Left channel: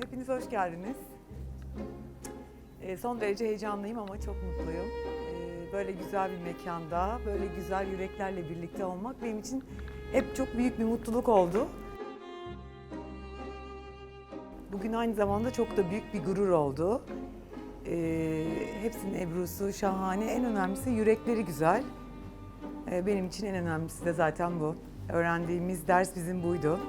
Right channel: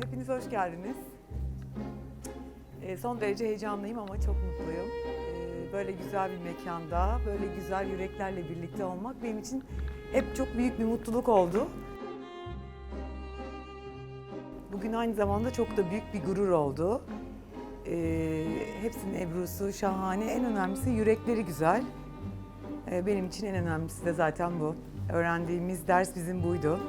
hepiniz hoş geldiniz. Ee, son derece heyecanlıyım ama çok mutluyum. Ee, böyle güzel bir mekanda, böyle güzel yüreklerle birlikte olmak benim için hep çok büyük bir mutluluk oldu. Bugün aynı zamanda çok da büyük bir gurur oldu. Ee, hepsinin Ebru'su şahane. En önemlisi yürekleri güzel. Ee, benim için en önemlisi de zaten bu. Öğrendiğimiz ders bizim buydu.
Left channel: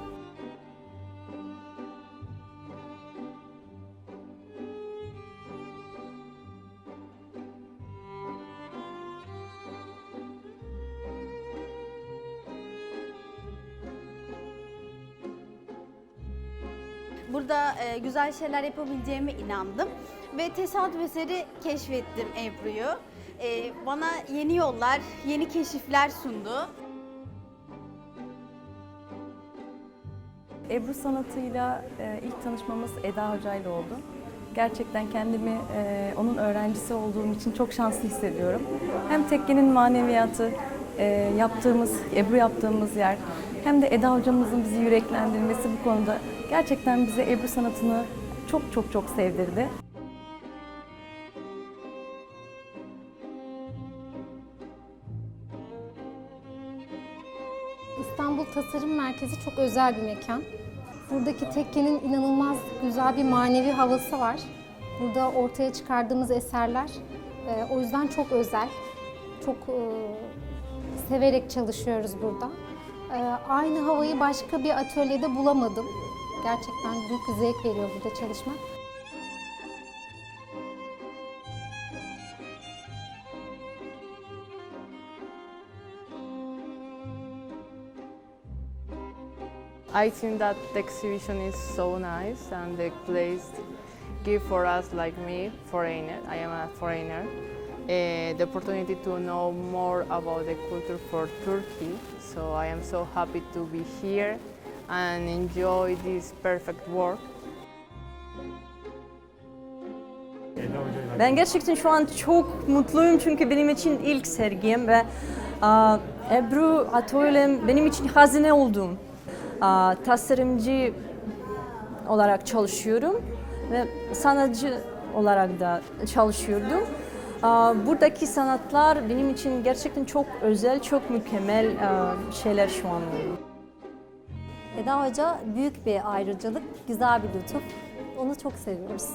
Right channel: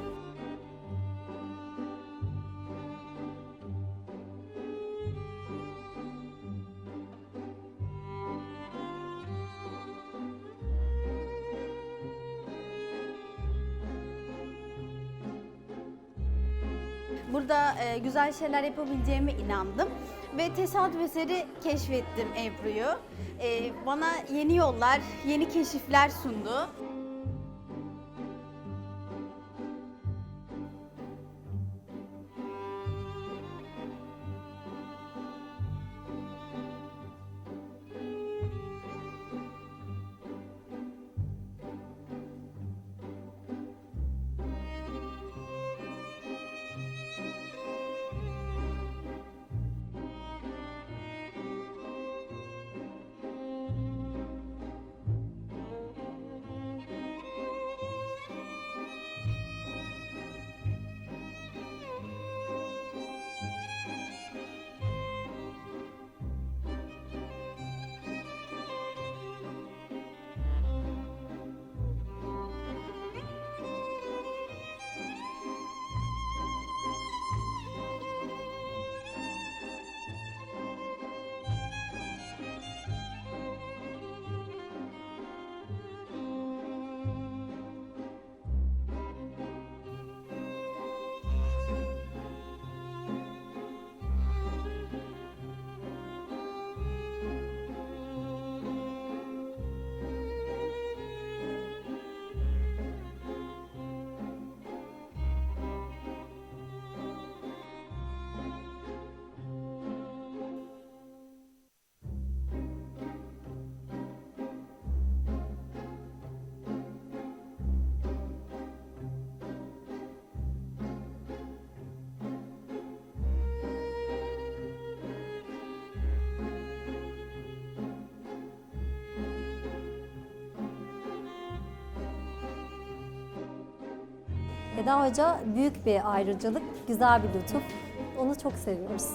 Burada e, güzel şeyler yapabileceğime inandım ve tesadüf eseri keşfettim Ebru'yu. E, bana yeni yollar, yeni keşifler sundu. Ebru sanatıyla e, ilk tanışmamız Eda Hoca ile oldu. Gerçekten kendimi e, onun öğrencisi olduğum için çok şanslı hissediyorum. Hem tekkenin maneviyatı, e, yaptığımız, Ebru yaptığımız yer, hem de Eda hocamızın bizi yüreklendirmesi bu konuda gerçekten bize Ebru sanatını çok çok çok sevdirdi. İstanbul Tasarım Merkezi çok özel bir mekan. Buradaki tekkenin inanılmaz güzel bir manevi havası var. Burada ortaya çıkardığımız eserler e, o yüzden çok özel. Çok e, severek çalışıyoruz burada. E, aynı havayı başka bir atölyede bulamadım. Gerçekten büyük bir zevk veriyor burada çalışmak. I think that the exhibition is so nice and the place give for us like me, foreigner, I am a foreigner, eh, the opportunity to know more about the culture for Turkey. So I am so happy to be here and enjoy this perfect work. Ben gerçekten şu an çok mutluyum çünkü benim için ilk sergim ve aa, Ebru atölyem benim için hazine oldum. Aa, tasarımcı olarak çalışıyorum ve sanatçı olarak da çalışıyordum. Buradaki sanatlar benim için gerçekten çok özel, çok mükemmel şeyler şu an. Eda Hoca büyük bir ayrıcalık, güzel bir lütuf. Onu çok seviyoruz.